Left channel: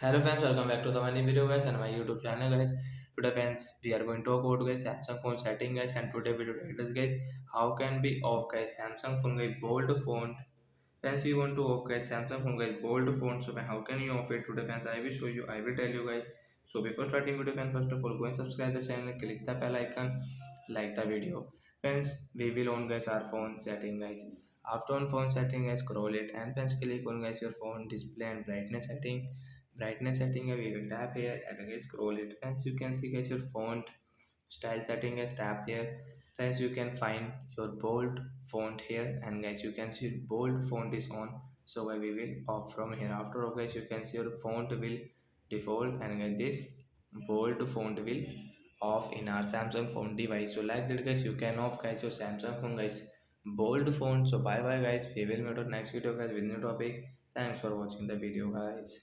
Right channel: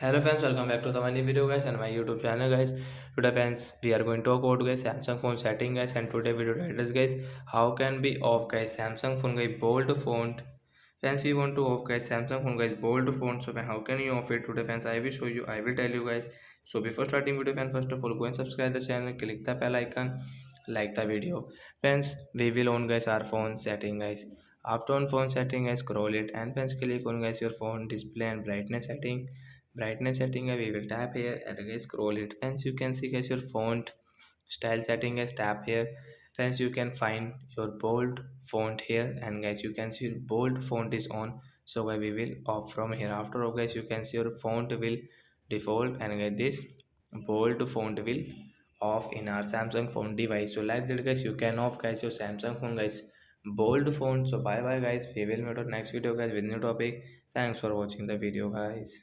Hello friends, welcome back to the new video guys and my YouTube channel guys. Today friends, we are going to talk about guys Samsung phone setting guys, and today video title is guys how can be off guys Samsung phone guys bold font. Friends, we want to off guys Samsung phone guys bold font. So how can you off it today friends? I will show you. I will tell you guys. So before starting video friends, first of all go and subscribe the channel, click the bell icon, like the video. Friends, we will on guys our phone setting guys. After on phone setting guys, scroll it and friends click on guys your phone display and brightness setting. We will tap here and again scroll it. Friends, you can see guys your font style setting guys, tap here. Friends, you can find your bold font here, and guys you can see bold font is on. So guys we will off from here. After all guys you can see your font will default, and guys this bold font will off in our Samsung phone device. So like that guys, you can off guys your Samsung phone guys bold font. So bye bye guys, we will meet on next video guys with new topic. Thanks for watching the video guys.